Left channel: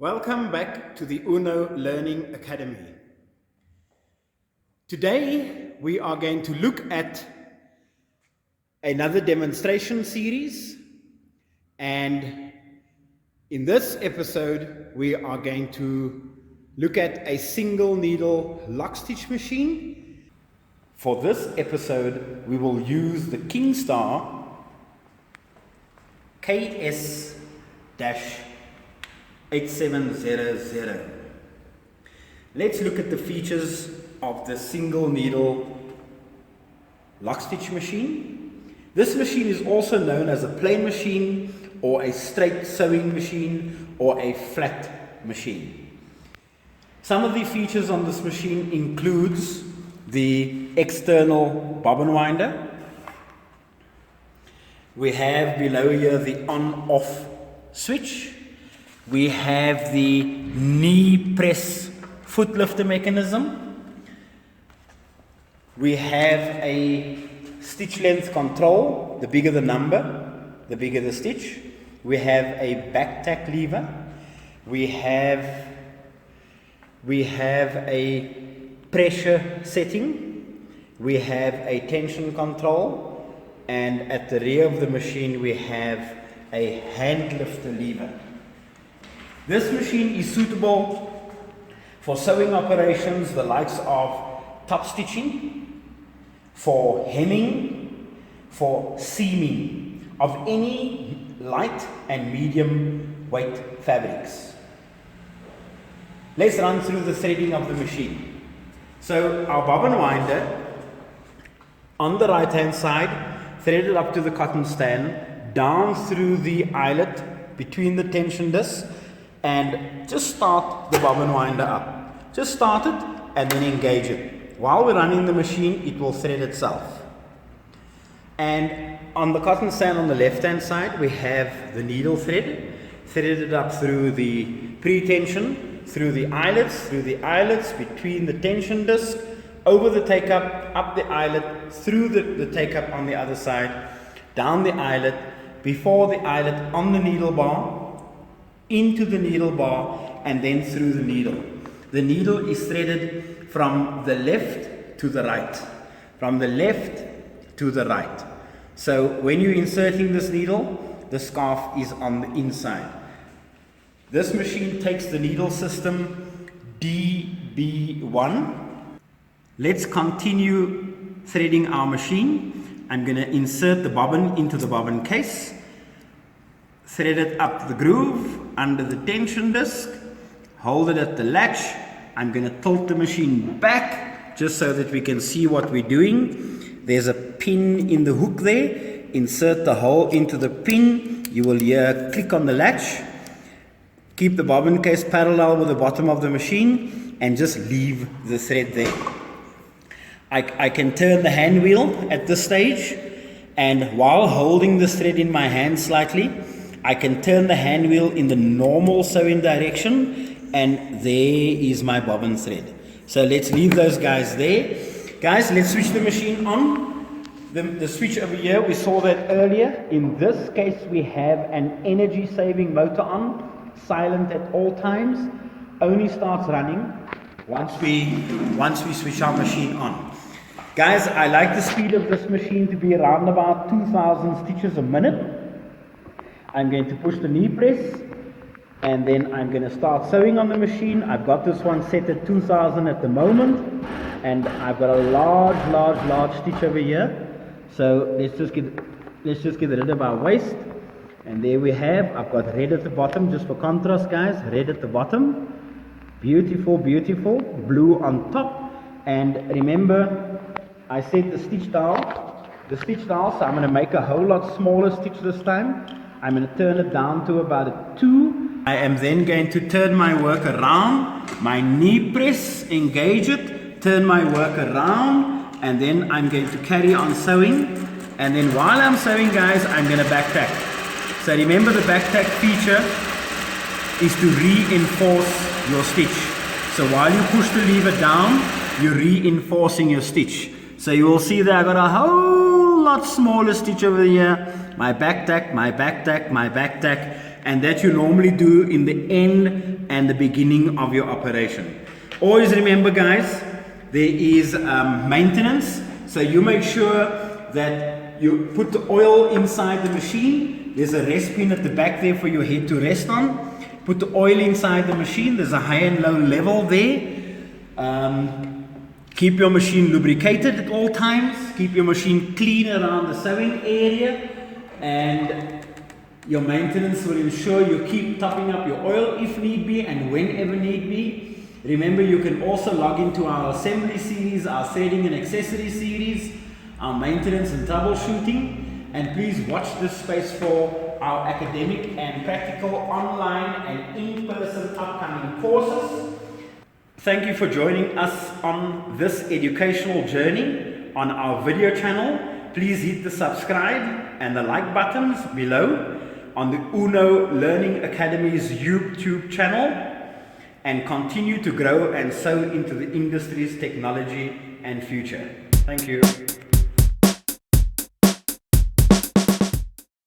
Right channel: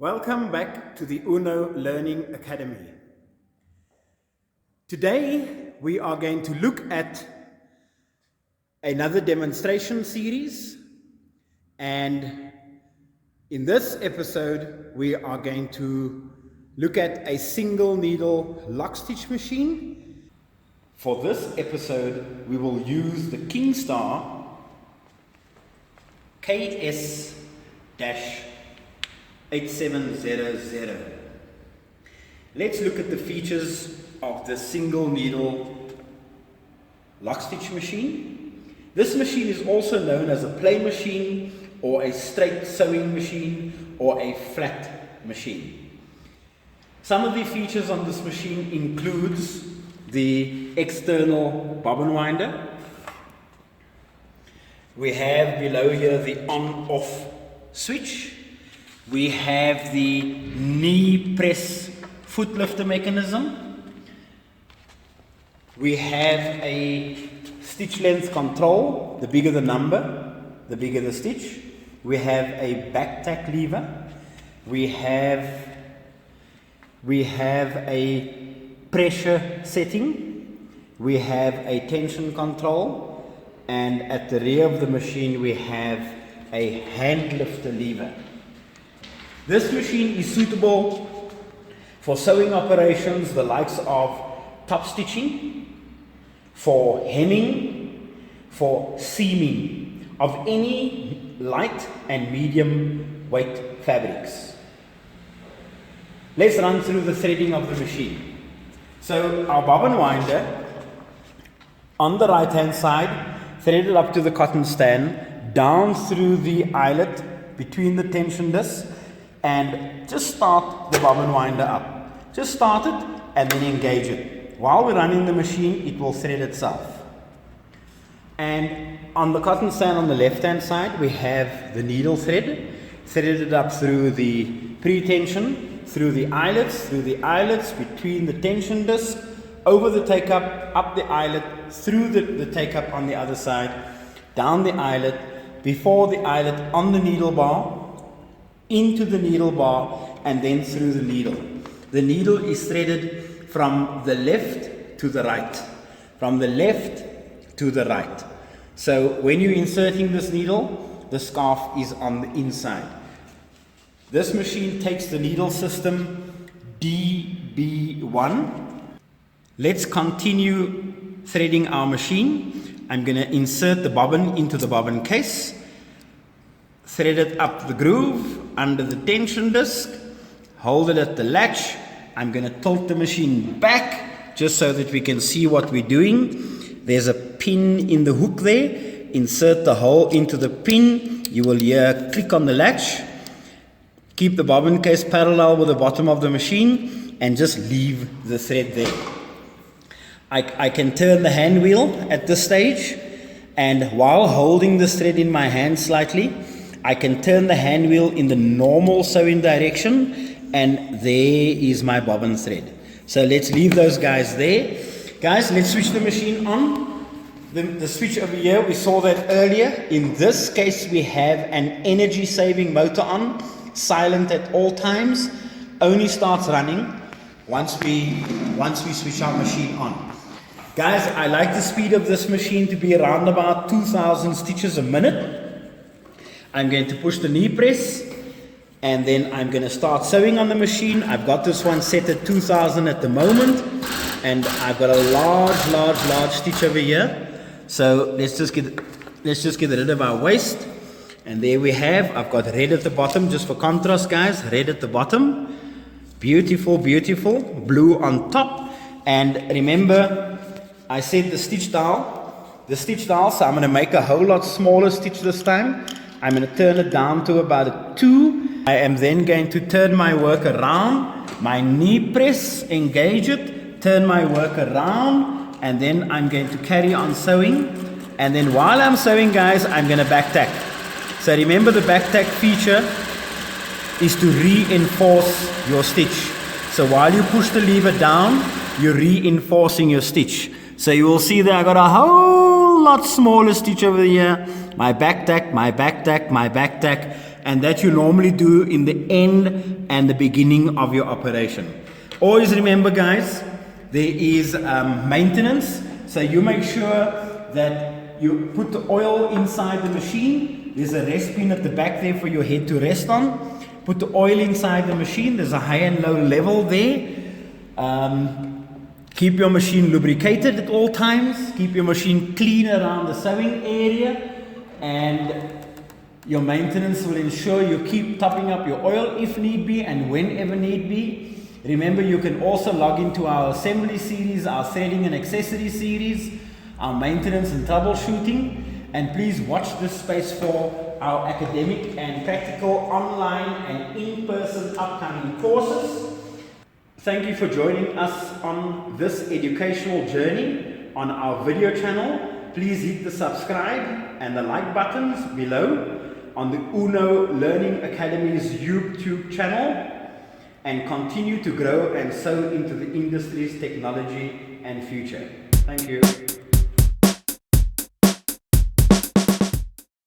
Welcome back to the UNO Learning Academy. Today we are going to look at another demonstration series, and in this episode we are going to look at a single needle lock stitch machine. For this episode we will use the Kingstar KS 8700. Let's look at the features of the single needle lock stitch machine. This machine is also known as a plain machine or a straight sewing machine or a flat machine. Some of the features on this machine includes the external bobbin winder. We have below here the on-off switch. We have the knee press foot lifter mechanism. We have a stitch length control. The bigger the number, the bigger the stitch. We have a back tack lever. We have a pressure setting. We have a tension control. And at the rear of the machine we have a hand lifter lever. This machine is suitable for sewing operations, the likes of top stitching, for hemming, for seaming of any light and medium weight fabrics. Let's run through the threading of the machine. So our bobbin winder on the right hand side, threaded up to the cotton stand, down through the eyelet between the tension disc, and just start the bobbin winder up. Just start it and then engage it. While we're running the machine, it will thread itself. And on the cotton stand on the left hand side, we have the needle thread, threaded up through the pre-tension, through the eyelets, between the tension disc, over the take-up, up the eyelet, through the take-up on the other side, down the eyelet, before the eyelet, on the needle bar, into the needle bar, and then through the needle. The needle is threaded from the left to the right. From the left to the right. So when you're inserting this needle, the scarf is on the inside. This machine takes the needle system DB1. Let's continue threading our machine. I'm going to insert the bobbin into the bobbin case, thread it up the groove under the tension disc, hold it at the latch. I'm going to tilt the machine back just so that we can see what we're doing. There's a pin in the hook there. Insert the hole into the pin. You will hear click on the latch. Keep the bobbin case parallel with the bottom of the machine and just leave the thread there. I can turn the hand wheel at this stage, and while holding this thread in my hand slightly, I can turn the hand wheel in the normal sewing direction, and there is my bobbin thread. So let's leave those guys there. Guys, let's switch the machine on. The switch over here, we saw that earlier. In this case we have an energy saving motor on, silent at all times, only starts running once we switch our machine on. Guys, I like the speed of this machine to be around about 2,000 stitches a minute. I'm going to push the knee press, and then I'm going to start sewing on the machine. I've got this one set at 2,000 at the moment, and I've got a large stitch over here. So let's just get rid of our waste. And there we have, I've got red at the bottom, just for contrast guys, red at the bottom. Beautiful, beautiful, blue on top. And remember, I said the stitch dial, so I'm going to make a whole lot smaller stitch this time. I'm going to turn it down to about a 2. I am then going to turn my work around, my knee press, engage it, turn my work around, and then I'm going to carry on sewing. And then while I'm sewing guys, I'm going to back tack. So remember, the back tack feature is to reinforce your stitch. So while you push the lever down, you're reinforcing your stitch. So you will see that I got a whole lot smaller stitch over here. My back tack, and that you normally do in the end and the beginning of your operation. Always remember, guys, there is maintenance, so you make sure that you put the oil inside the machine. There's a rest pin at the back there for your head to rest on. Put the oil inside the machine. There's a high and low level there. Keep your machine lubricated at all times. Keep your machine clean around the sewing area, and your maintenance will ensure you keep topping up your oil if need be and whenever need be. Remember, you can also log into our assembly series, our threading and accessory series, our maintenance and troubleshooting, and please watch this space for our academic and practical online and in-person upcoming courses. Thank you for joining us on this educational journey on our video channel. Please hit the subscribe and the like buttons below on the UNO Learning Academy's YouTube channel, and continue to grow and sow into the industry's technology and future. Thank you.